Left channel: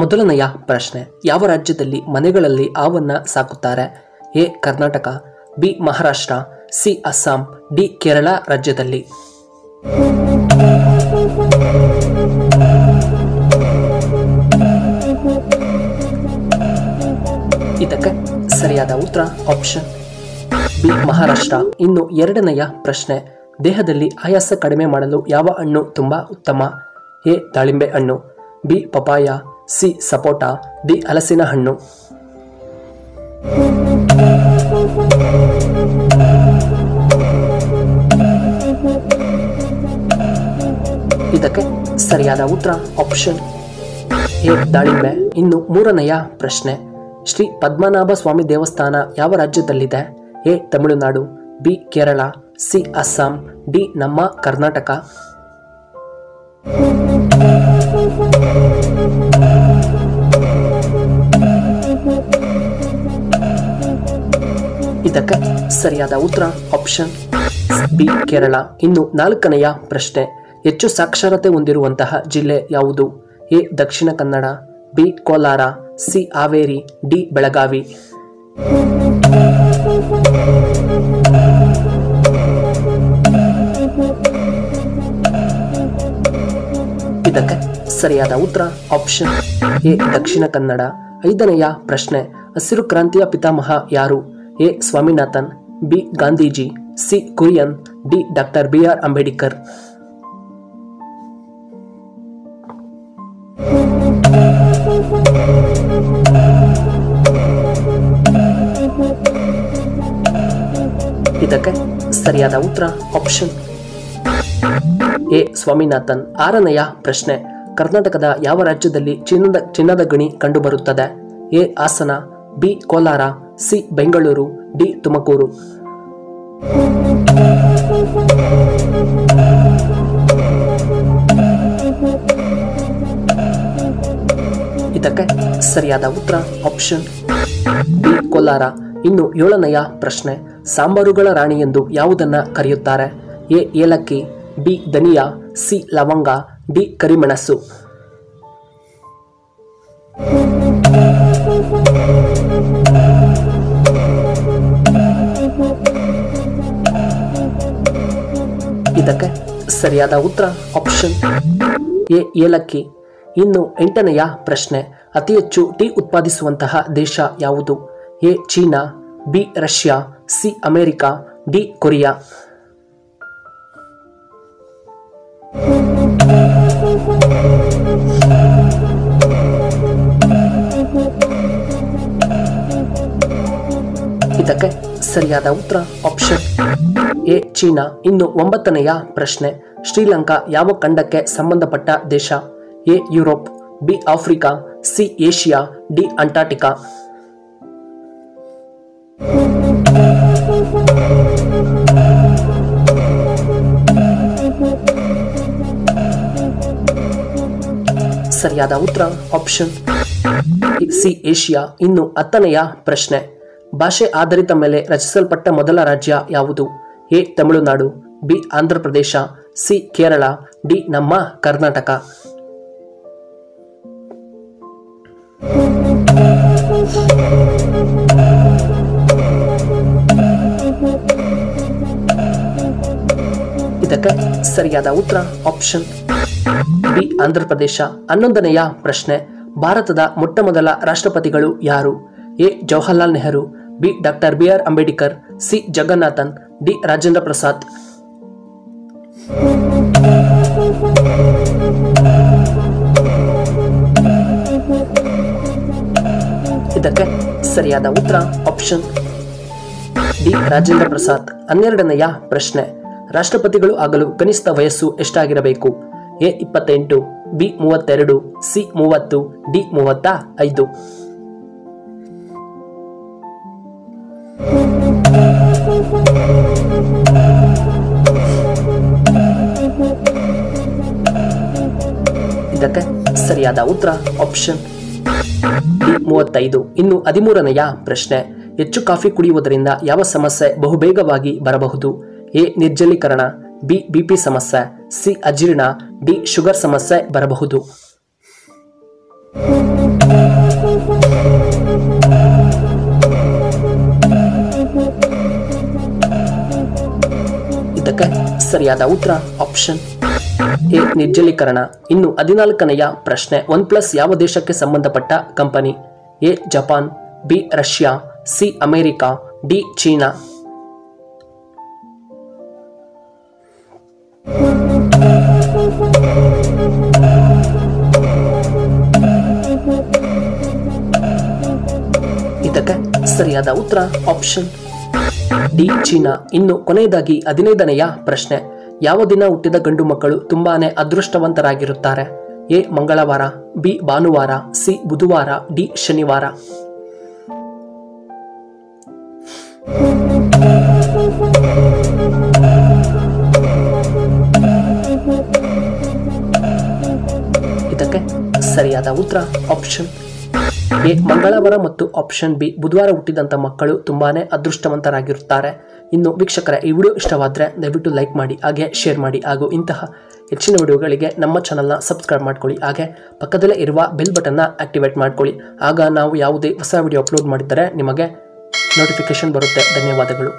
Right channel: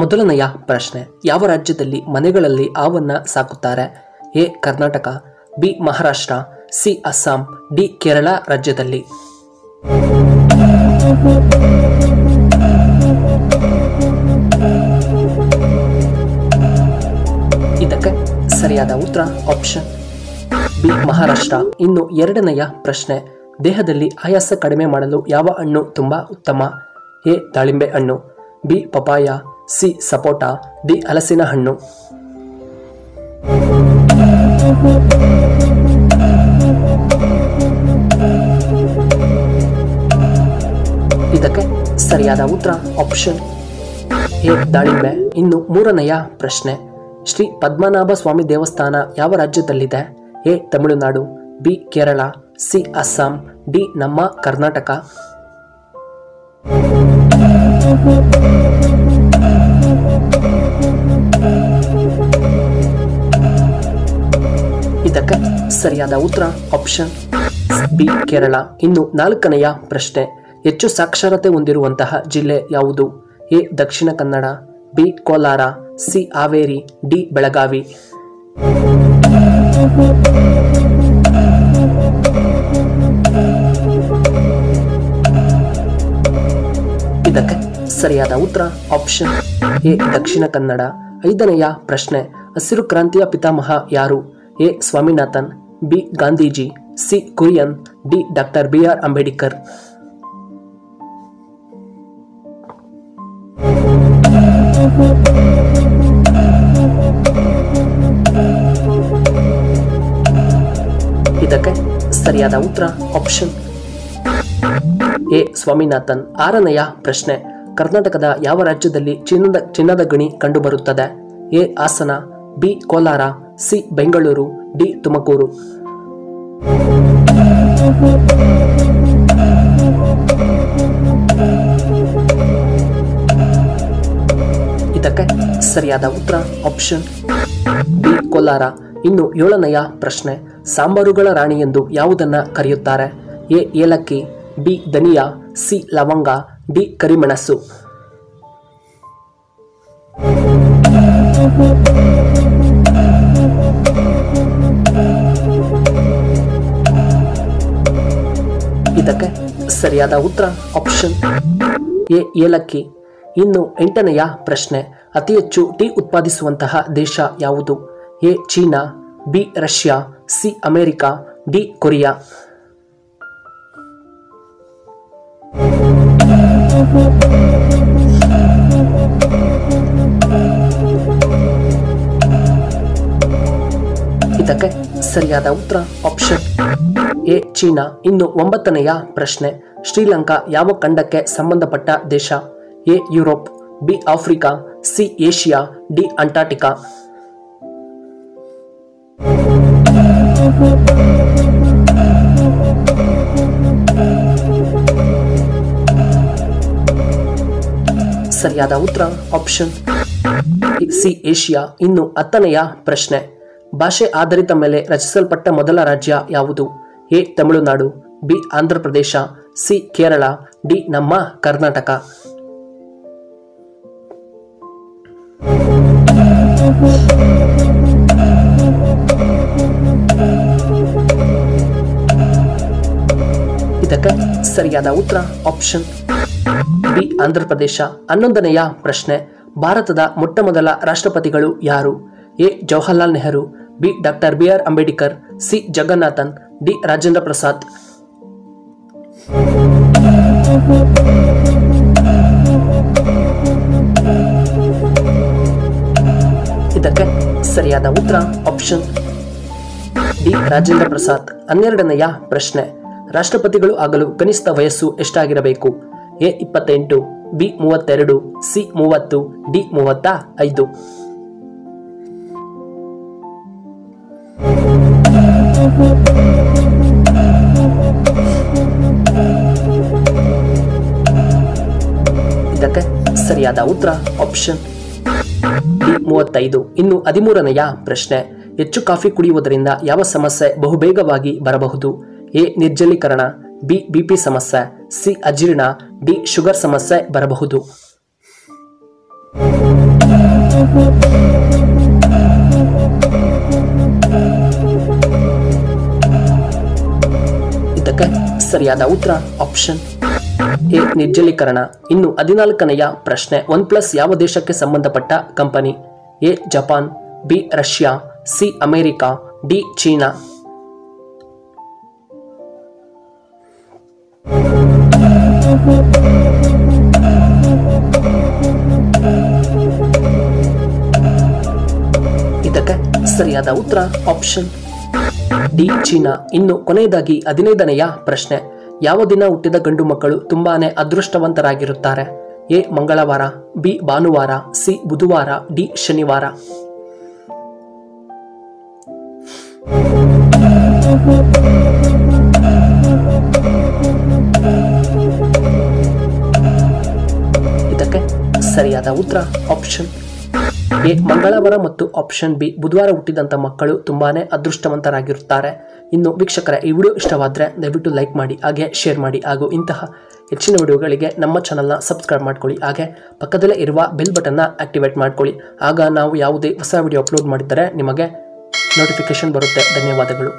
ಮೊದಲನೆಯ ಪ್ರಶ್ನೆ, ಯಾವ ರಾಜ್ಯದಲ್ಲಿ ಮನೆಗಳಲ್ಲಿ ಹಾವನ್ನು ಸಾಕುತ್ತಾರೆ? A Karnataka, B Maharashtra, C Assam, D Kerala ರಾಜ್ಯದಲ್ಲಿ. ಇದಕ್ಕೆ ಸರಿಯಾದ ಉತ್ತರ ಆಪ್ಷನ್ ಬಿ ಮಹಾರಾಷ್ಟ್ರ. ಇನ್ನು ಎರಡನೆಯ ಪ್ರಶ್ನೆ, ದೇಹದಲ್ಲಿ ಆಯಾಸ ಕಡಿಮೆ ಮಾಡಲು ಯಾವ ಹಣ್ಣು ತುಂಬ ಉತ್ತಮ? ಎ ದಾಳಿಂಬೆ ಹಣ್ಣು, ಬಿ ಪಪಾಯ, ಸಿ ಸಪೋಟ, ಡಿ ಹಲಸಿನ ಹಣ್ಣು. ಇದಕ್ಕೆ ಸರಿಯಾದ ಉತ್ತರ ಆಪ್ಷನ್ ಎ ದಾಳಿಂಬೆ. ಇನ್ನು ಮೂರನೆಯ ಪ್ರಶ್ನೆ, ಶ್ರೀ ಪದ್ಮನಾಭ ಸ್ವಾಮಿ ದೇವಸ್ಥಾನ ಯಾವ ರಾಜ್ಯದಲ್ಲಿದೆ? A Tamil Nadu, B Kerala, C Assam, D ನಮ್ಮ ಕರ್ನಾಟಕ. ಇದಕ್ಕೆ ಸರಿಯಾದ ಉತ್ತರ ಆಪ್ಷನ್ ಬಿ ಕೇರಳ. ಇನ್ನು ನಾಲ್ಕನೆಯ ಪ್ರಶ್ನೆ, ಹೆಚ್ಚು ಸಾಕ್ಷರತೆ ಹೊಂದಿರುವಂತಹ ಜಿಲ್ಲೆ ಯಾವುದು? A Dakshina Kannada, B Kolar, C Haveri, D Belagavi. ಇದಕ್ಕೆ ಸರಿಯಾದ ಉತ್ತರ ಆಪ್ಷನ್ ಎ ದಕ್ಷಿಣ ಕನ್ನಡ. ಐದನೆಯ ಪ್ರಶ್ನೆ, ಹಸಿರು ಕ್ರಾಂತಿಯ ಪಿತಾಮಹ ಯಾರು? A Swaminathan, B Gandhiji, C Kurian, D doctor B R. Ambedkar. ಇದಕ್ಕೆ ಸರಿಯಾದ ಉತ್ತರ ಆಪ್ಷನ್ ಎ ಸ್ವಾಮಿನಾಥನ್. ಆರನೆಯ ಪ್ರಶ್ನೆ, ಕರ್ನಾಟಕದ ಯಾವ ರಾಜ್ಯದಲ್ಲಿ ಚಿನ್ನದ ಗಣಿ ಕಂಡುಬರುತ್ತದೆ? A Hassan, B Kolar, C Bengaluru, D Tumakuru. ಇದಕ್ಕೆ ಸರಿಯಾದ ಉತ್ತರ ಆಪ್ಷನ್ ಬಿ ಕೋಲಾರ. ಇನ್ನು ಏಳನೆಯ ಪ್ರಶ್ನೆ, ಸಾಂಬಾರುಗಳ ರಾಣಿ ಎಂದು ಯಾವುದನ್ನ ಕರೆಯುತ್ತಾರೆ? ಎ ಏಲಕ್ಕಿ, ಬಿ ಧನಿಯಾ, ಸಿ ಲವಂಗ, ಡಿ ಕರಿಮೆಣಸು. ಇದಕ್ಕೆ ಸರಿಯಾದ ಉತ್ತರ ಆಪ್ಷನ್ ಎ ಏಲಕ್ಕಿ. ಇನ್ನು ಎಂಟನೆಯ ಪ್ರಶ್ನೆ, ಅತಿ ಹೆಚ್ಚು ಟೀ ಉತ್ಪಾದಿಸುವಂತಹ ದೇಶ ಯಾವುದು? A China, B Russia, C America, D Korea. ಇದಕ್ಕೆ ಸರಿಯಾದ ಉತ್ತರ ಆಪ್ಷನ್ ಎ ಚೀನಾ. ಇನ್ನು ಒಂಬತ್ತನೆಯ ಪ್ರಶ್ನೆ, ಶ್ರೀಲಂಕಾ ಯಾವ ಖಂಡಕ್ಕೆ ಸಂಬಂಧಪಟ್ಟ ದೇಶ? A Europe, B Africa, C Asia, D Antarctica. ಸರಿಯಾದ ಉತ್ತರ ಆಪ್ಷನ್ ಸಿ ಏಷ್ಯಾ. ಇನ್ನು ಹತ್ತನೆಯ ಪ್ರಶ್ನೆ, ಭಾಷೆ ಆಧಾರಿತ ಮೇಲೆ ರಚಿಸಲ್ಪಟ್ಟ ಮೊದಲ ರಾಜ್ಯ ಯಾವುದು? A Tamil Nadu, B Andhra Pradesh, C Kerala, D ನಮ್ಮ ಕರ್ನಾಟಕ. ಇದಕ್ಕೆ ಸರಿಯಾದ ಉತ್ತರ ಆಪ್ಷನ್ ಬಿ ಆಂಧ್ರ ಪ್ರದೇಶ. 11ನೆಯ ಪ್ರಶ್ನೆ, ಭಾರತದ ಮೊಟ್ಟ ಮೊದಲ ರಾಷ್ಟ್ರಪತಿಗಳು ಯಾರು? A Jawaharlal Nehru, B doctor B R. Ambedkar, C Jagannathan, D Rajendra Prasad. ಇದಕ್ಕೆ ಸರಿಯಾದ ಉತ್ತರ ಆಪ್ಷನ್ ಡಿ ರಾಜೇಂದ್ರ ಪ್ರಸಾದ್. 12ನೆಯ ಪ್ರಶ್ನೆ, ರಾಷ್ಟ್ರಪತಿಗಳು ಆಗಲು ಕನಿಷ್ಠ ವಯಸ್ಸು ಎಷ್ಟಾಗಿರಬೇಕು? A 28, B 32, C 30, D 35. ಇದಕ್ಕೆ ಸರಿಯಾದ ಉತ್ತರ ಆಪ್ಷನ್ ಡಿ 35. ಇನ್ನು 13ನೆಯ ಪ್ರಶ್ನೆ, ಹೆಚ್ಚು ಕಾಫಿ ಕುಡಿಯುವುದರಿಂದ ಯಾವ ಸಮಸ್ಯೆ ಬಹುಬೇಗವಾಗಿ ಬರಬಹುದು? ಎ ನಿರ್ಜಲೀಕರಣ, ಬಿ ಬಿಪಿ ಸಮಸ್ಯೆ, ಸಿ ಅಜೀರ್ಣ, ಡಿ ಶುಗರ್ ಸಮಸ್ಯೆ ಬರಬಹುದು. ಸರಿಯಾದ ಉತ್ತರ ಆಪ್ಷನ್ ಎ ನಿರ್ಜಲೀಕರಣ. ಇನ್ನು 14ನೆಯ ಪ್ರಶ್ನೆ, OnePlus ಯಾವ ದೇಶಕ್ಕೆ ಸಂಬಂಧಪಟ್ಟ company? A Japan, B Russia, C America, D China. ಇದಕ್ಕೆ ಸರಿಯಾದ ಉತ್ತರ ಆಪ್ಷನ್ ಡಿ ಚೀನಾ. ಇನ್ನು ಕೊನೆಯದಾಗಿ 15ನೆಯ ಪ್ರಶ್ನೆ, ಯಾವ ದಿನ ಹುಟ್ಟಿದ ಗಂಡು ಮಕ್ಕಳು ತುಂಬಾನೇ ಅದೃಷ್ಟವಂತರಾಗಿರುತ್ತಾರೆ? ಎ ಮಂಗಳವಾರ, ಬಿ ಭಾನುವಾರ, ಸಿ ಬುಧವಾರ, ಡಿ ಶನಿವಾರ. ಇದಕ್ಕೆ ಸರಿಯಾದ ಉತ್ತರ ಆಪ್ಷನ್ ಎ ಮಂಗಳವಾರ ಮತ್ತು ಆಪ್ಷನ್ ಬಿ ಬುಧವಾರ ಹುಟ್ಟಿದಂಥ ಮಕ್ಕಳು ತುಂಬಾನೇ ಅದೃಷ್ಟವಂತರಾಗಿರುತ್ತಾರೆ. ಇನ್ನು ವೀಕ್ಷಕರೇ, ಈ ವಿಡಿಯೋ ಇಷ್ಟವಾದರೆ ದಯವಿಟ್ಟು ಲೈಕ್ ಮಾಡಿ, ಹಾಗೆ ಶೇರ್ ಮಾಡಿ, ಹಾಗೂ ಇಂತಹ ಹೆಚ್ಚಿನ ವಿಡಿಯೋಗಳಿಗೆ ನಮ್ಮ ಚಾನಲ್ನ ಸಬ್ಸ್ಕ್ರೈಬ್ ಮಾಡ್ಕೊಳ್ಳಿ. ಹಾಗೆ ಪಕ್ಕದಲ್ಲೇ ಇರುವ ಬೆಲ್ ಬಟನ್ನ ಆಕ್ಟಿವೇಟ್ ಮಾಡ್ಕೊಳ್ಳಿ. ಆಗ ನಾವು ಯಾವುದೇ ಹೊಸ ವಿಡಿಯೋ ಅಪ್ಲೋಡ್ ಮಾಡಿದ್ದರೆ ನಿಮಗೆ ನೋಟಿಫಿಕೇಶನ್ ಬರುತ್ತೆ. ಧನ್ಯವಾದಗಳು.